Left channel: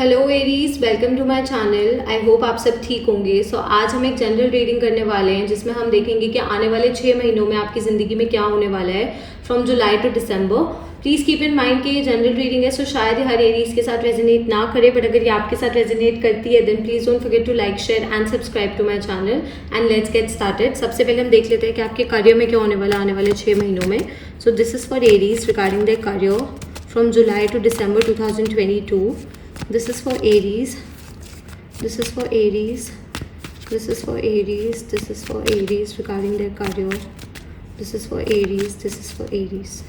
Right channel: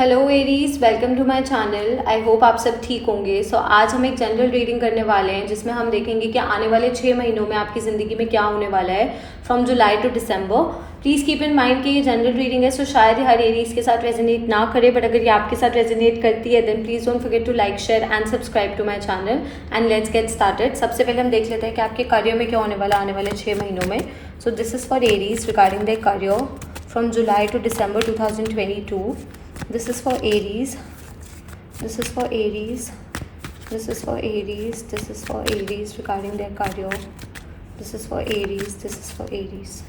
Hello Aries, welcome to my channel. I hope आप सब ठीक होंगे। आज हम एक जनरल रीडिंग करने वाले हैं जिसमें हम देखेंगे कि आने वाले 6 महीनों में आपकी ज़िंदगी में क्या होने वाला है from July to December. Please keep in mind कि ये जनरल रीडिंग है, शायद हर एरीज के साथ रेजोनेट ना करे, बट अगर ये आपके साथ रेजोनेट करती है then please don't forget to like, share and subscribe to my channel and let's get started. सबसे पहले हम देख लेते हैं कि आपके करियर में क्या होने वाला है आने वाले 6 महीनों में। So this is for Aries regarding the career from July to December 2022. This is for Aries. This is for Aries. This is for Aries. This is for Aries regarding their career. This is for Aries. This is for Aries.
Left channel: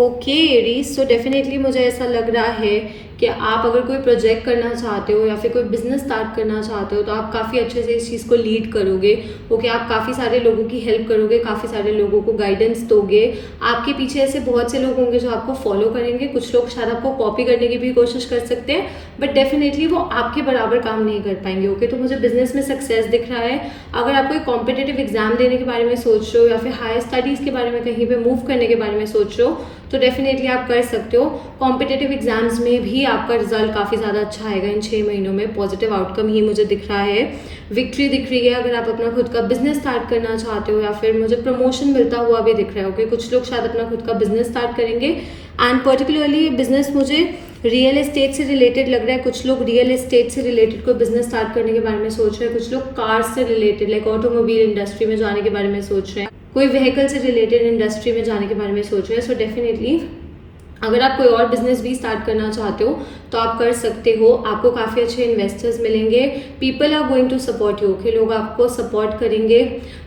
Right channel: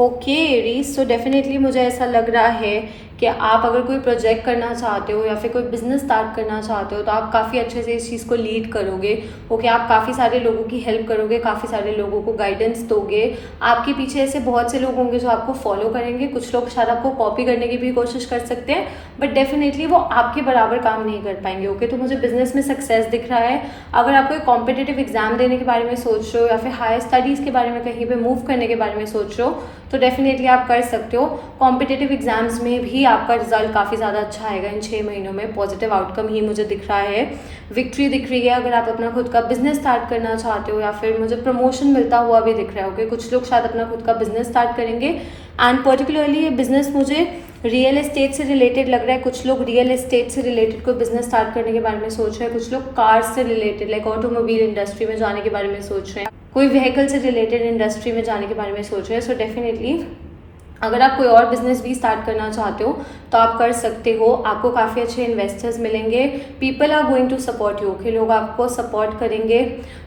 Okay Aries, so definitely मुझे ऐसा लग रहा है कि आप अगर कोई project करना चाहते हो या फिर कोई बिजनेस स्टार्ट करना चाहते हो तो आप काफ़ी अच्छे से इस चीज़ को लीड करोगे। ओके, आप काफ़ी सारे लोगों की हेल्प करोगे, काफ़ी सारे लोगों को गाइडेंस दोगे। आपके पीछे ऐसे बहुत से लोग होंगे जो आपको फॉलो करेंगे। कुछ लोग शायद आपको कॉपी करने की भी कोशिश कर सकते हैं, बट डेफिनेटली वो आपके बराबर काम नहीं कर पाएंगे। ओके, तो मुझे बिजनेस में सक्सेस दिख रहा है। अगर आप कोई कॉम्पिटेटिव एग्जाम देने के बारे में सोच रहे हो या फिर हायर स्टडीज़ के बारे में कहीं पर मूव करने के बारे में सोच रहे हो तो डेफिनेटली आप कर सकते हो। कॉम्पिटेटिव एग्जाम्स में भी आपका रिजल्ट काफ़ी ज़्यादा अच्छा आएगा इन 6 महीनों में। पॉजिटिव आउटकम ही मुझे दिख रहा है, विक्ट्री दिख रही है। अगर आप अपना खुद का बिजनेस स्टार्ट करना चाहते हो या फिर मुझे प्रमोशन मिलता हुआ भी दिख रहा है। ओके, कुछ लोग शायद अपना खुद का बिजनेस स्टार्ट करेंगे एंड पर्टिकुलरली ये बिजनेस मुझे रियल एस्टेट से रिलेटेड लग रहा है। कुछ लोग रियल एस्टेट से रिलेटेड कोई बिजनेस स्टार्ट करने के बारे में सोच रहे हैं। कुछ लोग कार से रिलेटेड लाइक ऑटोमोबाइल इंडस्ट्री में जाने के बारे में सोच रहे हैं। कोई व्हीकल से रिलेटेड इंडस्ट्री में जाने के बारे में सोच रहे हैं। सो डेफिनेटली अगर आप कोई और बिजनेस भी स्टार्ट करना चाहते हो तो आप कर सकते हो। आपको काफ़ी अच्छे इन्वेस्टर्स मिलेंगे। People are going to support you. Okay, लोग आपको सपोर्ट करेंगे,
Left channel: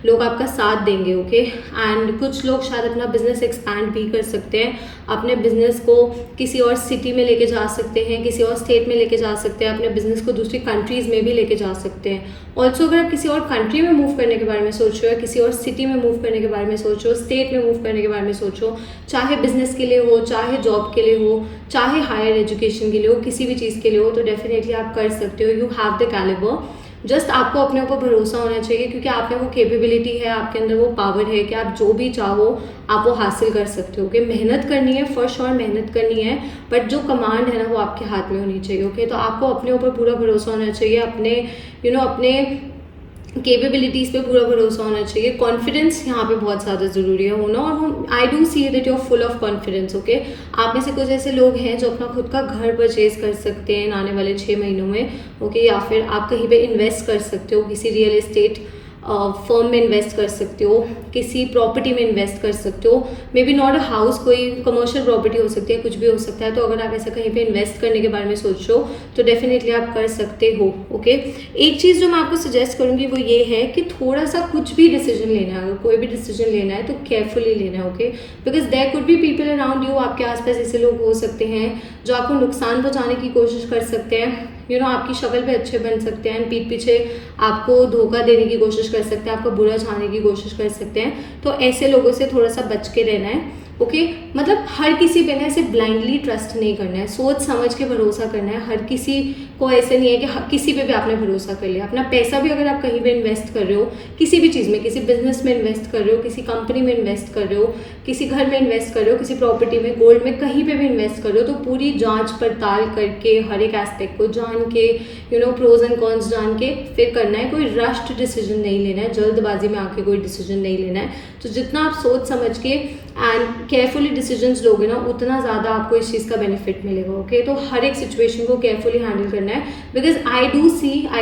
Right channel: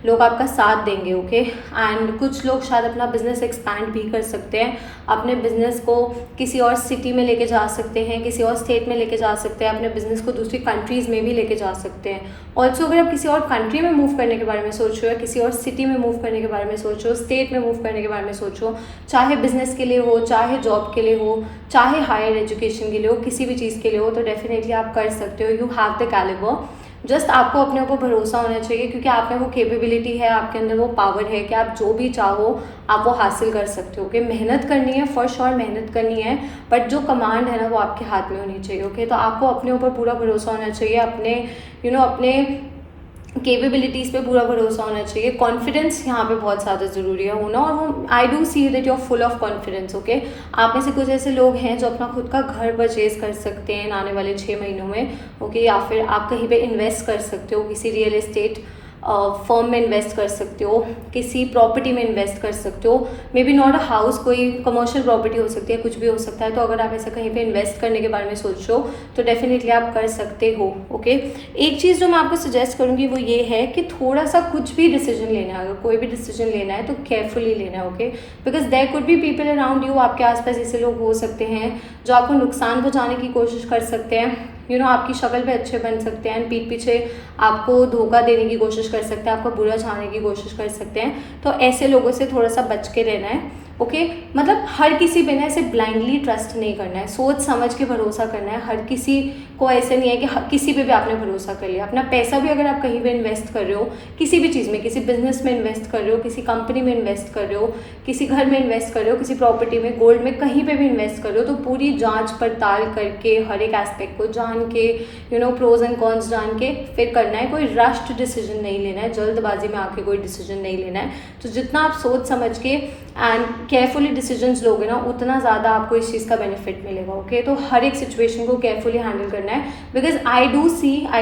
लोग आपका साथ देंगे। ओके, एंड कुछ लोग शायद अपना बिजनेस एक्सपैंड भी कर सकते हैं, अपने बिजनेस को किसी और सिटी में लेके जा सकते हैं, किसी और स्टेट में लेके जा सकते हैं, अपने बिजनेस को दूसरी कंट्रीज़ में भी लेके जा सकते हैं। ऑल्सो अगर आप किसी और कंट्री में मूव करने के बारे में सोच रहे हो या किसी और सिटी में मूव करने के बारे में सोच रहे हो, स्टेट में मूव करने के बारे में सोच रहे हो, चाहे बिजनेस के लिए हो, चाहे जॉब के लिए हो, चाहे हायर एजुकेशन के लिए हो, किसी भी चीज़ के लिए हो, तो डेफिनेटली आप कर सकते हो। You have the calibre. Just आपको अपने ऊपर भरोसा होना चाहिए क्योंकि आप में वो कैपेबिलिटी है, आपके अंदर वो पावर है कि आप जो भी चाहो आप वो हासिल कर सकते हो। ओके, मेहनत करनी है, फॉर श्योर मेहनत करनी है, बट जो कमांड है ना वो आपके हाथ में होनी चाहिए। ओके, तो आपको अपने ऊपर पूरा भरोसा होना चाहिए, अपने अपने कैपेबिलिटीज़ पे पूरा भरोसा होना चाहिए। कॉन्फिडेंस यहाँ पे बहुत ज़्यादा ज़रूरी है होना, और वो I do see that you are full of confidence. Okay, आप में से कुछ ऐसे लोग हैं जो अपना खुद का घर परचेज कर सकते हैं आने वाले 6 महीनों में। ओके, या फिर आप कहीं पे इन्वेस्ट कर सकते हो, किसी रियल एस्टेट फर्म में इन्वेस्ट कर सकते हो, किसी प्रॉपर्टी में इन्वेस्ट कर सकते हो। May be not a house, कोई कमर्शियल प्रॉपर्टी हो सकती है, कुछ भी हो सकता है। तो अगर आप ऐसे कहीं पे इन्वेस्ट करने के बारे में सोच रहे हो तो डेफिनेटली आप कर सकते हो। ओके, एक चीज़ जो मैं आपको सजेस्ट करूँगी वो ये है कि थोड़ा सा कुछ भी डिसीजन लेना है, अगर कोई भी डिसीजन लेना है तो केयरफुली लेना है। Okay, because there could be people around you, आपके आसपास ऐसे लोग हो सकते हैं जो आपको नुकसान पहुँचाने की कोशिश कर सकते हैं। आपकी शक्ल पे अच्छे बन सकते हैं, पीठ पीछे आपको धोखा देने की कोशिश कर सकते हैं, आपको बुरा चाहने की कोशिश कर सकते हैं। तो ऐसे लोगों से थोड़ा सा बच के रहना है। ओके, मतलब हर किसी पे ना ऐसे ब्लाइंडली ट्रस्ट नहीं करना है, सोच समझ के भरोसा करना है। हर किसी को ऐसे नहीं है कि किसी पे भी आपने भरोसा कर लिया। अपना पैसा भी अगर आप कहीं पे इन्वेस्ट कर रहे हो, किसी भी चीज़ में, किसी बिजनेस में इन्वेस्ट कर रहे हो, किसी कंपनी में इन्वेस्ट कर रहे हो, किसी घर में इन्वेस्ट कर रहे हो, किसी प्रॉपर्टी में, गोल्ड में, कहीं पे भी इन्वेस्ट कर रहे हो, तो पूरी जांच पड़ताल करके हर एक एस्पेक्ट को जान के प्रोज एंड कॉन्स जान के फिर करना है। कोई रश्ड डिसीजन नहीं लेना है, जल्दबाजी में आके कोई डिसीजन नहीं लेना है। तो जितना आप सोच समझ के एंड केयरफुली डिसीजंस लोगे ना उतना ज़्यादा आपको इस चीज़ का बेनिफिट मिलेगा। ओके, तो हर एक सिचुएशन को केयरफुली हैंडल करना है। बिकॉज आई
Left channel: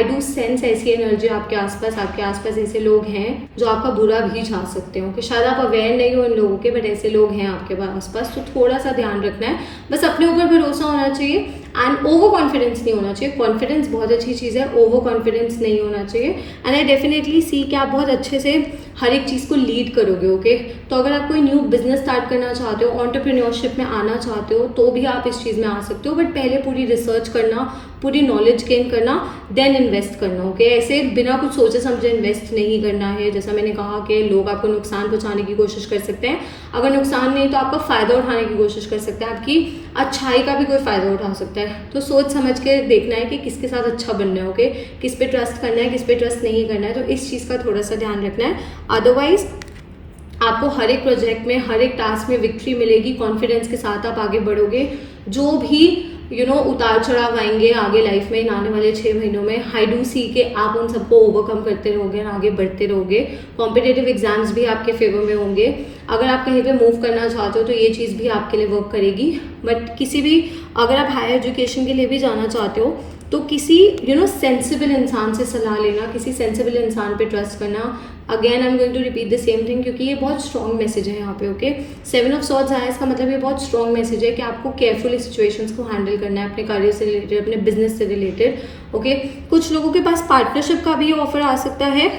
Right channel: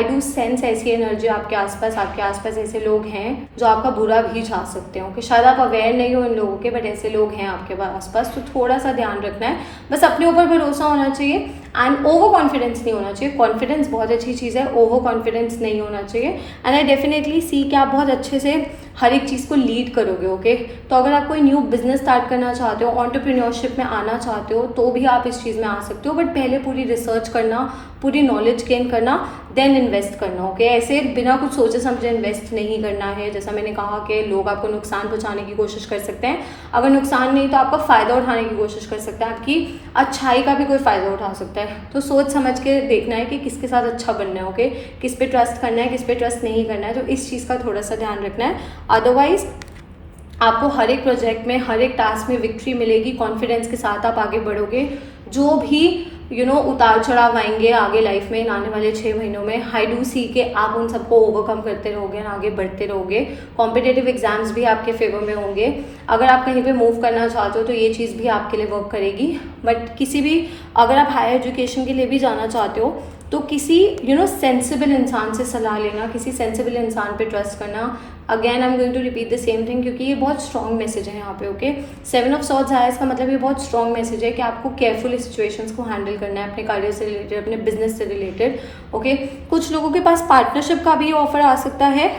डू सेंस ऐसी एनर्जी आपके आसपास ऐसे लोग हैं जो आपका बुरा भी चाह सकते हो। कि शायद आप अवेयर नहीं हो इन लोगों के, बट ऐसे लोग हैं आपके आसपास। तो थोड़ा सा ध्यान रखना है, बस अपने ऊपर भरोसा होना चाहिए एंड ओवर कॉन्फिडेंस नहीं होना चाहिए। कॉन्फिडेंस बहुत अच्छी चीज़ है, ओवर कॉन्फिडेंस नहीं होना चाहिए। एंड आई डेफिनेटली सी कि आप बहुत अच्छे से हर एक चीज़ को लीड करोगे। ओके, तो अगर आप कोई न्यू बिजनेस स्टार्ट करना चाहते हो, एंटरप्रेन्योरशिप में आना चाहते हो, तो भी आप इस चीज़ में आ सकते हो, बट पहले पूरी रिसर्च करना, पूरी नॉलेज गेन करना, देन इन्वेस्ट करना। ओके, ऐसे बिना कुछ सोचे समझे इन्वेस्ट नहीं करना है। जैसा मैंने कहा कि लोग आपको नुकसान पहुंचाने की कोशिश कर सकते हैं, अगर नुकसान नहीं तो आपका फ़ायदा उठाने की कोशिश कर सकते हैं, आपकी अच्छाई का भी कोई फ़ायदा उठा सकता है। तो सोच समझ के देखना है कि किसके साथ अच्छा बनना है। ओके, किस पे ट्रस्ट करना है, किस पे ट्रस्ट नहीं करना है, तो इस चीज़ का थोड़ा सा ध्यान रखना है। अदरवाइज आपको हर एक प्रोजेक्ट में, हर एक टास्क में विक्ट्री मिलेगी। कॉन्फिडेंस के साथ आप आगे बढ़ोगे। जो भी उतार चढ़ाव आएंगे आगे लाइफ में आने वाले 6 महीनों में, आई डू सी के आप उन सबको ओवरकम करते रहोगे, आगे बढ़ते रहोगे। कॉम्पिटेटिव एग्जाम्स भी आपके फेवर में होंगे। अगर आप कहीं पे मूव करना चाहते हो तो ये चीज़ भी आपके लिए वर्क करेगी। बट किसी भी, अगर आप हायर एजुकेशन के लिए भी जाना चाहते हो तो किसी सेंसिबल इंसान से सलाह लेना, किसी सेंसिबल इंसान पे ट्रस्ट करना। Again I am going to repeat the same thing, क्योंकि ये बहुत स्ट्रॉन्ग मैसेज है यहाँ पे। ओके, 7 ऑफ सॉर्ड्स आया, इसका मतलब ये बहुत स्ट्रॉन्ग मैसेज है कि आपको केयरफुली सिचुएशंस को हैंडल करना है, अपने करियर से रिलेटेड, अपने बिजनेस से रिलेटेड। ओके, कुछ लोगों के पास पार्टनरशिप का भी ऑफर आ सकता है,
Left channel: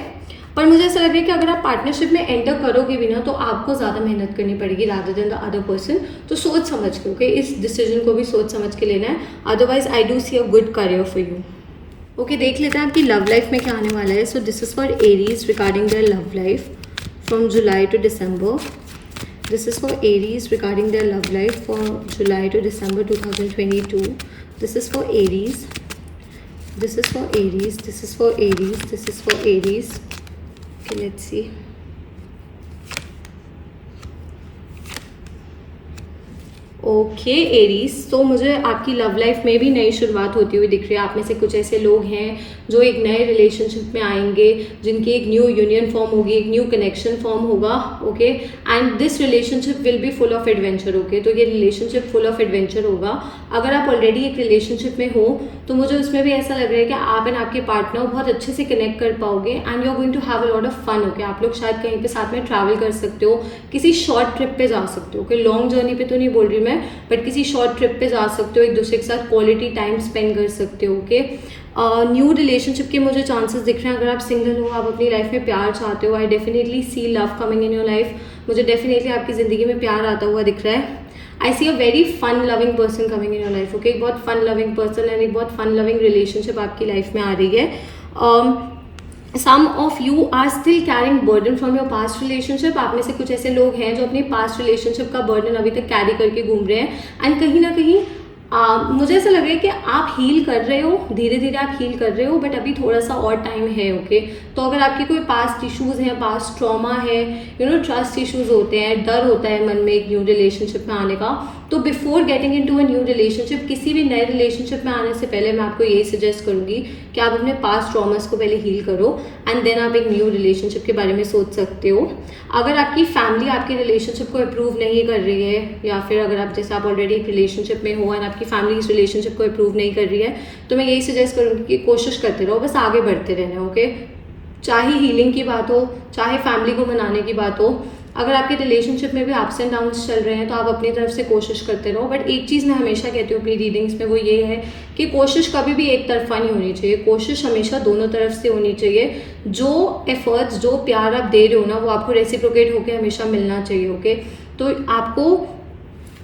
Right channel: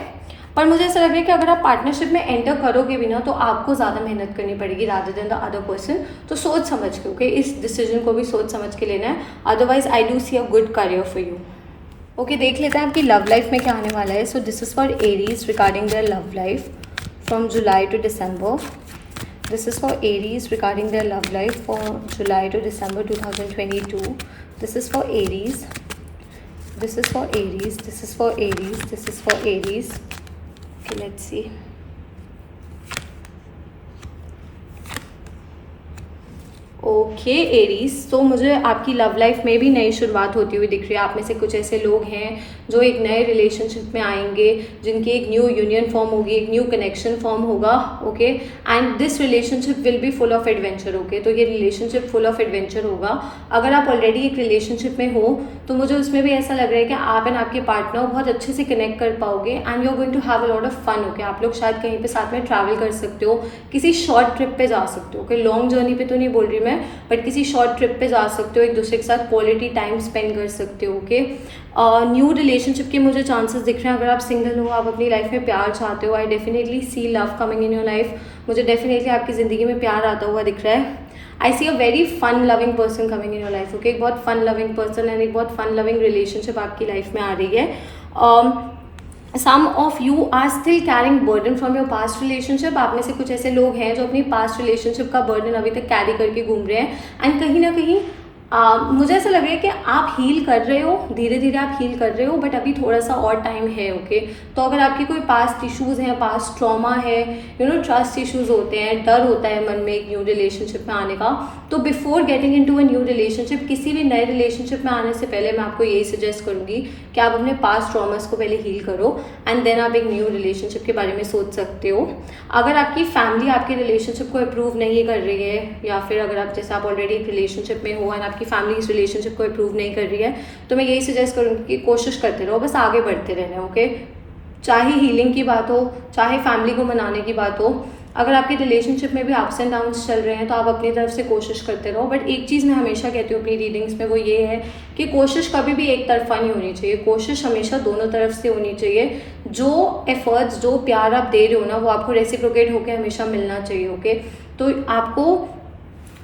पर मुझे ऐसा लग रहा है कि अगर आप पार्टनरशिप में एंटर करोगे भी ना तो आपको ज़्यादा मेहनत करनी पड़ेगी rather than the other person. तो सोच समझ के, ओके, इस डिसीजन को भी सोच समझ के लेना है। Otherwise I do see a good career for you. Okay, देख लेते हैं आपकी लव लाइफ में क्या आने वाला है। So this is for Aries regarding their love life from July to December. This is for Aries regarding their love life from July to December 2022। This is for Aries, this is for Aries, this is for Aries, this is for Aries. Let's see. Okay Aries, तो मुझे आपकी love life में भी नई शुरुआत होती हुई दिख रही है। आप में से कुछ ऐसे लोग हैं जो एक नए रिलेशनशिप में आएंगे, जिनकी एक न्यू यूनियन फॉर्म होगी, एक न्यू कनेक्शन फॉर्म होगा। Okay, and this relationship will be full of adventure. Okay, तो ये रिलेशनशिप फुल ऑफ एडवेंचर होगा। अगर आप ऑलरेडी एक रिलेशनशिप में हो तो मुझे उसमें भी ऐसा लग रहा है कि आप एंड आपके पार्टनर बहुत अच्छे से कनेक्ट कर पाओगे and you are going to have a lot of fun. Okay, आप लोग शायद कहीं पे साथ में ट्रैवल कर सकते हो, किसी शॉर्ट ट्रिप पे जा सकते हो। ओके, लॉन्ग जर्नी पे तो नहीं बोल रही मैं, बट किसी शॉर्ट ट्रिप पे जा सकते हो, एक दूसरे के साथ क्वालिटी टाइम स्पेंड कर सकते हो। ओके, न्यू रिलेशनशिप के मुझे चांसेस दिख रहे हैं। अगर आप सिंगल हो, आप अपनी लाइफ में प्यार चाहते हो, I definitely see love coming in your life. मुझे डेफिनेटली आपकी ज़िंदगी में प्यार आता हुआ दिख रहा है। I see a very fun loving person coming in your life. Okay, एक बहुत फन लविंग पर्सन एंड एक बहुत फन लविंग रिलेशनशिप आपकी लाइफ में आ रही है। Some of you are still carrying burden from your past relationship. आप में से कुछ ऐसे लोग हैं जो अपनी पास्ट रिलेशनशिप का बर्डन अभी तक कैरी करके घूम रहे हैं एंड कहीं ना कहीं मुझे ऐसा लग रहा है कि आप हील कर रहे हो, धीरे धीरे आप हील कर रहे हो, बट अभी थोड़ा सा और टाइम है। ओके, तो अगर आपके कोई पास्ट इश्यूज हैं, पास्ट ट्रॉमा है, ट्रस्ट इश्यूज होते हैं, डर होता है मन में एक न्यू रिलेशनशिप में आने का, तो before getting into a new relationship, किसी भी नए रिलेशनशिप में आने से पहले मैं आपको यही सजेस्ट करूंगी कि आप अपने पास्ट ट्रॉमास को पहले हील करो एंड देन आप एक न्यू रिलेशनशिप के बारे में सोच सकते हो। अगर आपकी फैमिली आपके रिलेशनशिप को अप्रूव नहीं कर रही है, या फिर अगर आप जैसे आप ऑलरेडी एक रिलेशनशिप में हो एंड आपकी फैमिली इस रिलेशनशिप को अप्रूव नहीं कर रही है, तो मैं यही सजेस्ट करूँगी कि कोशिश करते रहो, बस आगे बढ़ते रहना। ओके, चाहे हीलिंग की बात हो, चाहे फैमिली को मनाने की बात हो, अगर आपके रिलेशनशिप में भी अप्स एंड डाउन्स चल रहे हैं तो आप अपनी तरफ से कोशिश करते रहो। बट एक चीज़ मैं हमेशा कहती हूँ अपनी रीडिंग्स में, वो ये है कि कोशिश कभी भी एक तरफा नहीं होनी चाहिए, कोशिश हमेशा दोनों तरफ से होनी चाहिए। जो एफर्ट्स, जो प्यार आप दे रहे हो ना, वो आपको रेसिप्रोकेट होकर हमेशा मिलना चाहिए। ओके, तो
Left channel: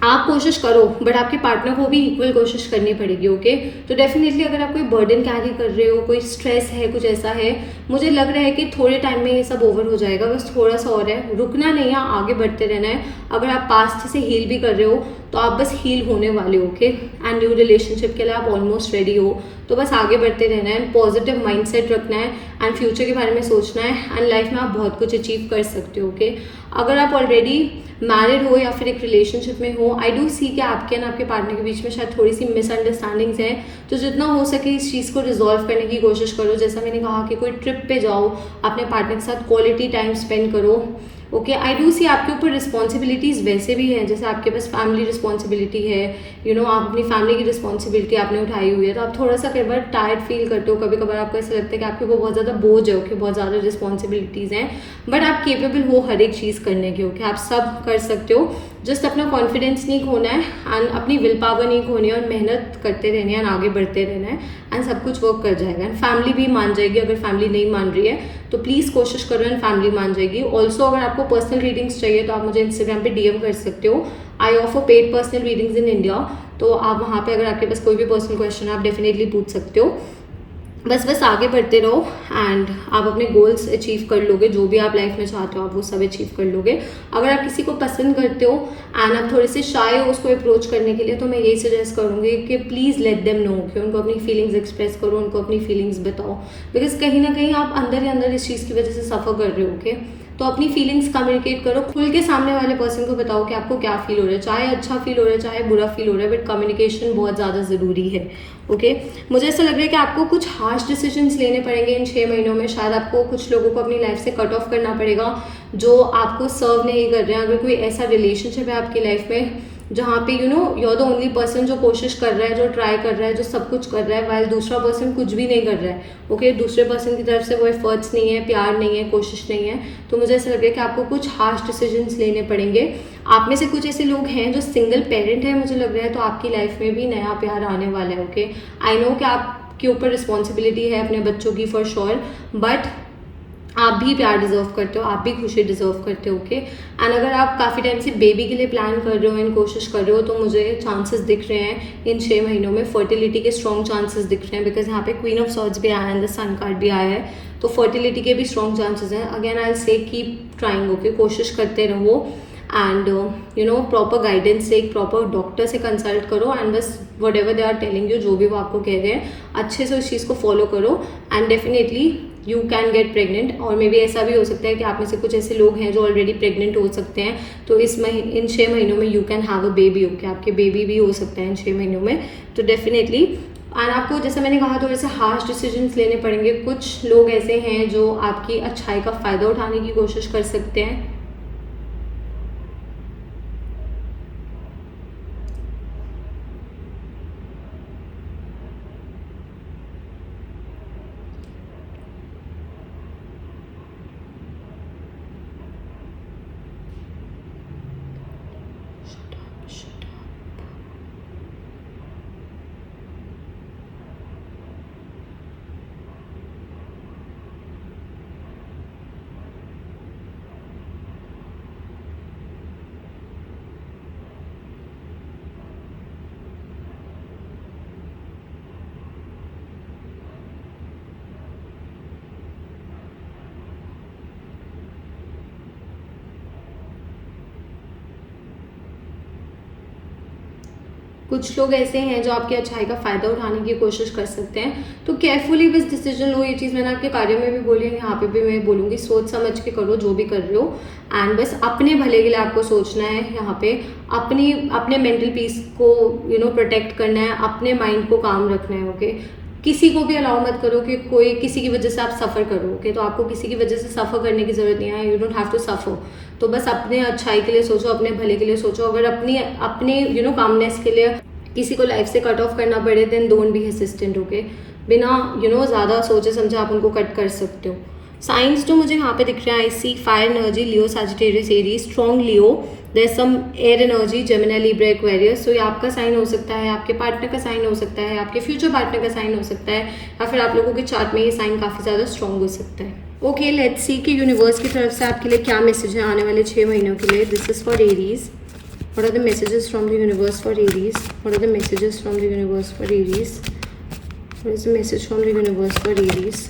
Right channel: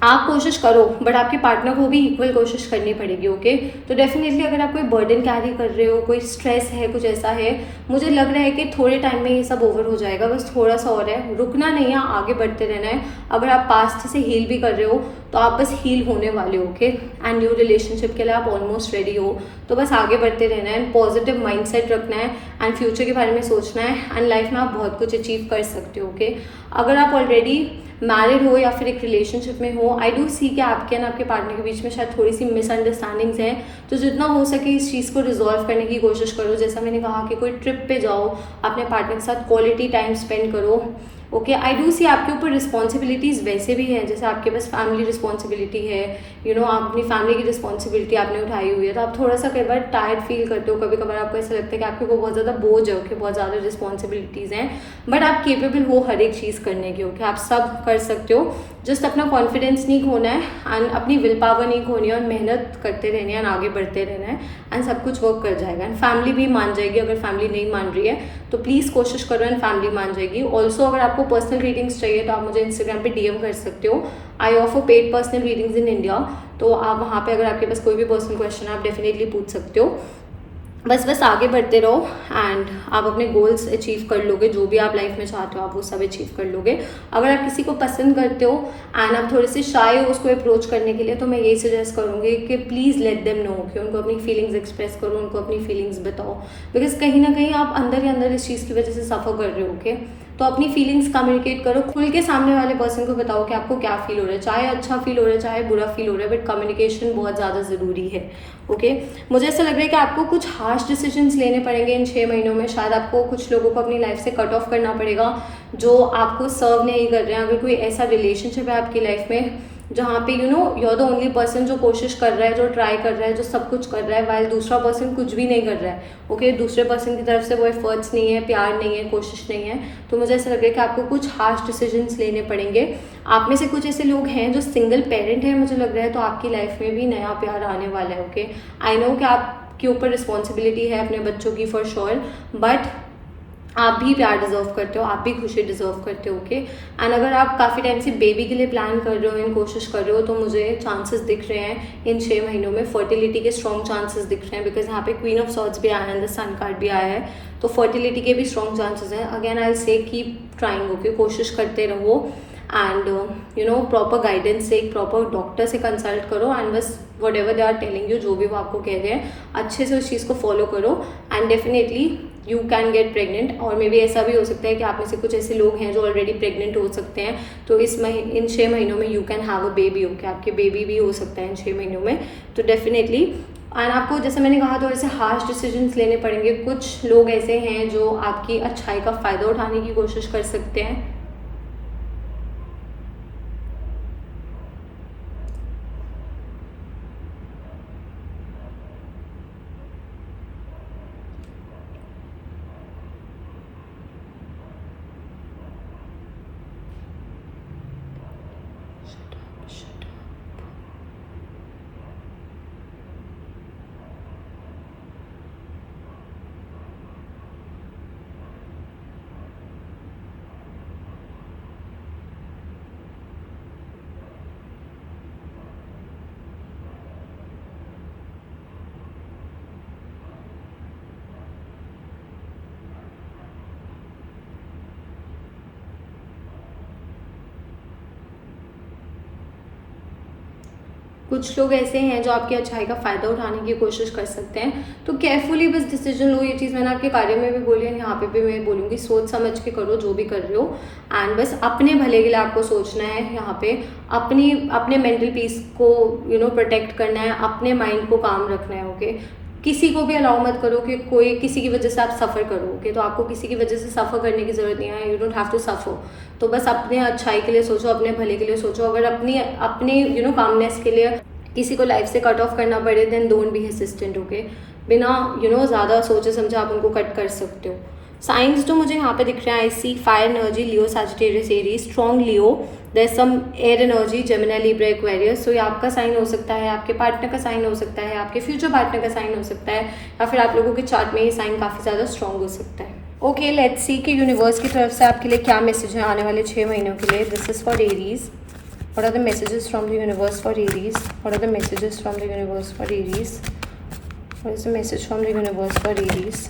आप कोशिश करो, बट आपके पार्टनर को भी इक्वल कोशिश करनी पड़ेगी। ओके, तो डेफिनेटली अगर आप कोई बर्डन कैरी कर रहे हो, कोई स्ट्रेस है, कुछ ऐसा है, मुझे लग रहा है कि थोड़े टाइम में ये सब ओवर हो जाएगा, बस थोड़ा सा और है, रुकना नहीं है, आगे बढ़ते रहना है। अगर आप पास्ट से हील भी कर रहे हो तो आप बस हील होने वाले हो। ओके, एंड न्यू रिलेशनशिप के लिए आप ऑलमोस्ट रेडी हो, तो बस आगे बढ़ते रहना है, पॉजिटिव माइंडसेट रखना है एंड फ्यूचर के बारे में सोचना है एंड लाइफ में आप बहुत कुछ अचीव कर सकते हो। ओके, अगर आप ऑलरेडी मैरिड हो या फिर एक रिलेशनशिप में हो, आई डू सी कि आपके और आपके पार्टनर के बीच में शायद थोड़ी सी मिसअंडरस्टैंडिंग्स हैं, तो जितना हो सके इस चीज़ को रिजॉल्व करने की कोशिश करो। जैसा मैंने कहा कि कोई ट्रिप पे जाओ, अपने पार्टनर के साथ क्वालिटी टाइम स्पेंड करो। ओके, आई डू सी आपके ऊपर रिस्पॉन्सिबिलिटीज़ वैसे भी हैं, जैसे आपके पास फैमिली रिस्पॉन्सिबिलिटी है, आप अपनी फैमिली की रिस्पॉन्सिबिलिटी आपने उठाई हुई है, तो आप थोड़ा सा कई बार टायर्ड फील करते हो, कभी कभार आपको ऐसा लगता है कि आपके को बहुत ज़्यादा बोझ है, ओके, बहुत ज़्यादा रिस्पॉन्सिबिलिटीज़ हैं, बट आप केपेबल हो हर एक चीज़ करने की। ओके, आप सब कर सकते हो, जस्ट अपना कॉन्फिडेंस नहीं खोना है एंड अपनी विल पावर नहीं खोनी है और मेहनत करते रहनी है एंड आगे बढ़ते रहना है एंड सब कुछ वर्क कर जाएगा एंड फैमिली भी मान जाएगी। अगर फैमिली नहीं मान रही है तो प्लीज़ कोशिश करो एंड फैमिली मान जाएगी। ऑल्सो अगर आपको पर्सनल रीडिंग्स चाहिए तो आप मुझे इंस्टाग्राम पे DM कर सकते हो। I offer paid personal readings in India, तो आप वहाँ पे अगर आपके पास कोई भी पर्सनल क्वेश्चन है आप डेफिनेटली पूछ सकते हो। बस आगे बढ़ते रहो एंड आप अपने गोल्स अचीव कर लोगे, जो भी आप लाइफ में चाहते हो आप वो सब अचीव कर लोगे। अगर आप किसी को पसंद करते हो एंड आप थोड़े से शाय हो उसको अप्रोच करने के लिए, तो मैं यही सजेस्ट करूँगी कि प्लीज़ लेट देम नो कि उनको अपनी फीलिंग्स एक्सप्रेस करो, उनको अपनी फीलिंग्स बताओ, बिकॉज कहीं ना कहीं आप अंदर ही अंदर इस चीज़ की वजह से सफ़र कर रहे हो। ओके, तो अपनी फीलिंग्स कम्युनिकेट करो, खुल के सामने वाले पर्सन को बताओ कि आपको क्या फील हो रहा है, चाहे अच्छा फील हो रहा है चाहे बुरा फील हो रहा है, बट कम्युनिकेशन बहुत ज़्यादा ज़रूरी है। ओके मुझे ऐसा लग रहा है कि आपको कुछ हार्श डिसीजंस लेने पड़ेंगे इन 6 महीनों में। शायद आपको कुछ लोगों को अपनी लाइफ से कट ऑफ करना पड़ेगा जो आपको सर्व नहीं कर रहे हैं। अगर कोई ऐसा रिलेशनशिप है आपकी लाइफ में जहाँ पे you are the only person जो कोशिश कर रहा है, जो ट्राई कर रहा है, जो सब कुछ कर रहा है, वाइल दूसरा पर्सन कुछ भी नहीं कर रहा है। ओके दूसरे पर्सन की तरफ से वो एफर्ट्स नहीं है, प्यार नहीं है, कोशिश नहीं है, तो मुझे ऐसा लग रहा है कि आपको कुछ हार्श डिसीजंस लेने पड़ेंगे। आप में से कुछ ऐसे लोग हैं जो सिंगल पेरेंट है, मुझे लग रहा है, तो आपकी लाइफ में भी नया प्यार आने वाला है। ओके आई नो कि आपके ऊपर रिस्पॉन्सिबिलिटी है अपने बच्चों की फॉर श्योर, बट आप भी प्यार डिजर्व करते हो, आप भी खुशी डिजर्व करते हो। ओके एंड अगर आप काफ़ी टाइम से बेबी के लिए प्लान कर रहे हो एंड कोशिश कर रहे हो, तो मुझे चांसेस दिख रहे हैं इन 6 महीनों में फर्टिलिटी के स्ट्रॉन्ग चांसेस दिख रहे हैं, बिकॉज यहाँ पे क्वीन ऑफ सॉर्ड्स भी आया है एंड द सन कार्ड भी आया है, तो फर्टिलिटी के भी स्ट्रॉन्ग चांसेस हैं। अगेन आई से कीप ट्राइंग, ओके कोशिश करते रहो एंड प्रॉपर गाइडेंस से एक प्रॉपर डॉक्टर से कंसल्ट करो एंड बस whatever they are telling you, जो भी वो आपको कह रहे हैं अच्छे से उस चीज़ को फॉलो करो and definitely you can get pregnant. और मे बी ऐसा भी हो सकता है कि आप में से कुछ ऐसे लोग हैं जो ऑलरेडी प्रेग्नेंट हो सकते हैं, तो इन 6 महीनों में you can have a baby. Okay आपके बेबी भी हो सकता है इन 6 महीनों में, तो डेफिनेटली एंड आपको जैसे मैंने कहा थोड़े से हार्श डिसीजंस लेने पड़ेंगे। कुछ लोग ऐसे हैं जो आपकी अच्छाई का फ़ायदा उठाने की कोशिश कर सकते हैं। कुछ लोग ऐसे हैं जो आपकी अच्छाई का फ़ायदा उठाने की कोशिश कर सकते हैं, तो केयरफुली बस डिसीजन लो। ये चीज़ मैंने आपके बारे में भी बोली है, यहाँ पे भी मैं बोलूँगी, सोच समझ के करो जो भी कर रहे हो एंड बस अपने भले के लिए आपको सोचना है। यहाँ पे अपने मेंटल पीस को प्रोटेक्ट करना है, अपने माइंड को काम रखना है। ओके किसी को भी अलाउ मत करो कि कोई किसी की वजह से आप सफ़र करो। ओके तो आपको किसी की वजह से सफ़र करने की ज़रूरत नहीं है, you don't have to suffer. तो बस अपने अच्छाई के लिए सोचो, अपने भले के लिए सोचो। अगर अपने कामनेस के लिए किसी को लाइफ से कट ऑफ करना पड़े then don't be assistant. Okay बिना ज़्यादा सोचे समझे आप उनको कट कर सकते हो। साइंस जो मुझे यहाँ पे दिख रहे हैं, I see fire energy, Leo, Sagittarius, Aries, strong Leo, there is some air energy, Gemini, Libra, Aquarius. So ये आपका साइन हो सकता है, आपके पार्टनर का साइन हो सकता है, आपके फ्यूचर पार्टनर का साइन हो सकता है, या फिर आप लोगों के चार्ट में ये साइन काफ़ी ज़्यादा स्ट्रॉन्ग हो सकता है। ओके लेट्स सी कि यूनिवर्स की तरफ से आपके लिए क्या मैसेज है आने वाले 6 महीनों के लिए। This is for Aries. What are the messages from the universe for Aries? What are the messages from the universe for Aries? What is the message from the universe for Aries?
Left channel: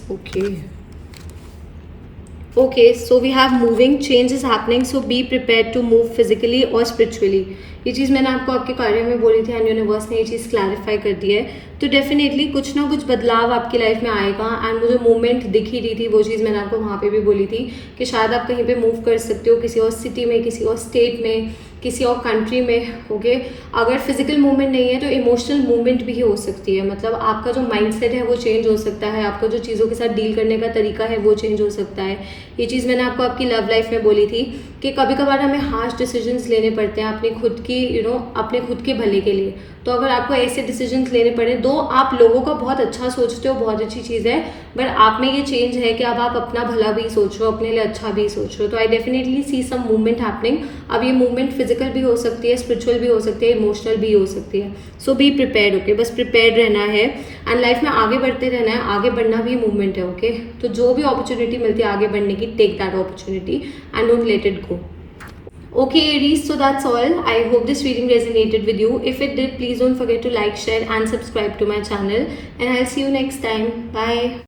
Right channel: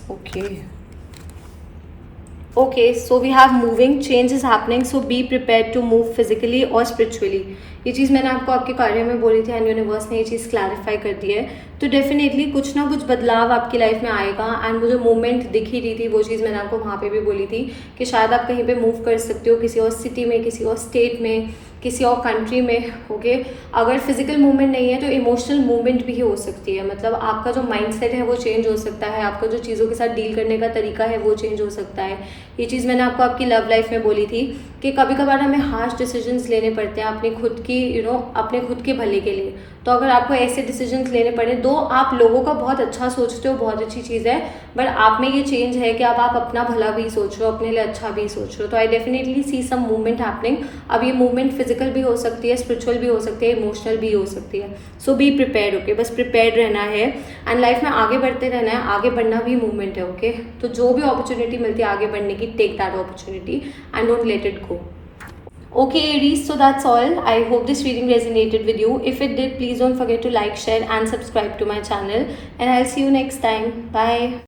Okay, so we have moving, change is happening, so be prepared to move physically or spiritually. ये चीज़ मैंने आपको आपके कार्य में बोली थी and universe ने ये चीज़ क्लैरिफाई कर दी है, तो डेफिनेटली कुछ ना कुछ बदलाव आपकी लाइफ में आएगा। एंड वो जो मूवमेंट दिख ही रही थी वो चीज़ मैंने आपको वहाँ पे भी बोली थी कि शायद आप कहीं पे मूव कर सकते हो, किसी और सिटी में, किसी और स्टेट में, किसी और कंट्री में। ओके अगर फिजिकल मूवमेंट नहीं है तो इमोशनल मूवमेंट भी हो सकती है, मतलब आपका जो माइंडसेट है वो चेंज हो सकता है, आपको जो चीज़ों के साथ डील करने का तरीका है वो चेंज हो सकता है। ये चीज़ मैंने आपको आपकी लव लाइफ में बोली थी कि कभी कभार हमें हार्श डिसीजंस लेने पड़ते हैं अपनी खुद की अपने खुद के भले के लिए। तो अगर आपको ऐसे डिसीजंस लेने पड़े, दो आप लोगों का बहुत अच्छा सोचते हो, बहुत अच्छी चीज़ है, बट आप में ये चेंज है कि अब आप अपना भला भी सोच रहे हो, अपने लिए अच्छा भी सोच रहे हो। तो I definitely see some movement happening. अब ये मूवमेंट फिजिकल भी हो सकती है, स्पिरिचुअल भी हो सकती है, इमोशनल भी हो सकती है। सो बी प्रिपेयर्ड। ओके बस प्रिपेयर्ड रहना है एंड लाइफ में आगे बढ़ते रहना है। आगे बढ़ना भी मूवमेंट है। ओके तो जो भी अपॉर्चुनिटी मिलती है आगे बढ़ने की, take that opportunity and don't let it go. Okay Aries, so that's all. I hope this reading resonated with you. If it did, please don't forget to like, share and subscribe to my channel, and I'll see you next time. Bye.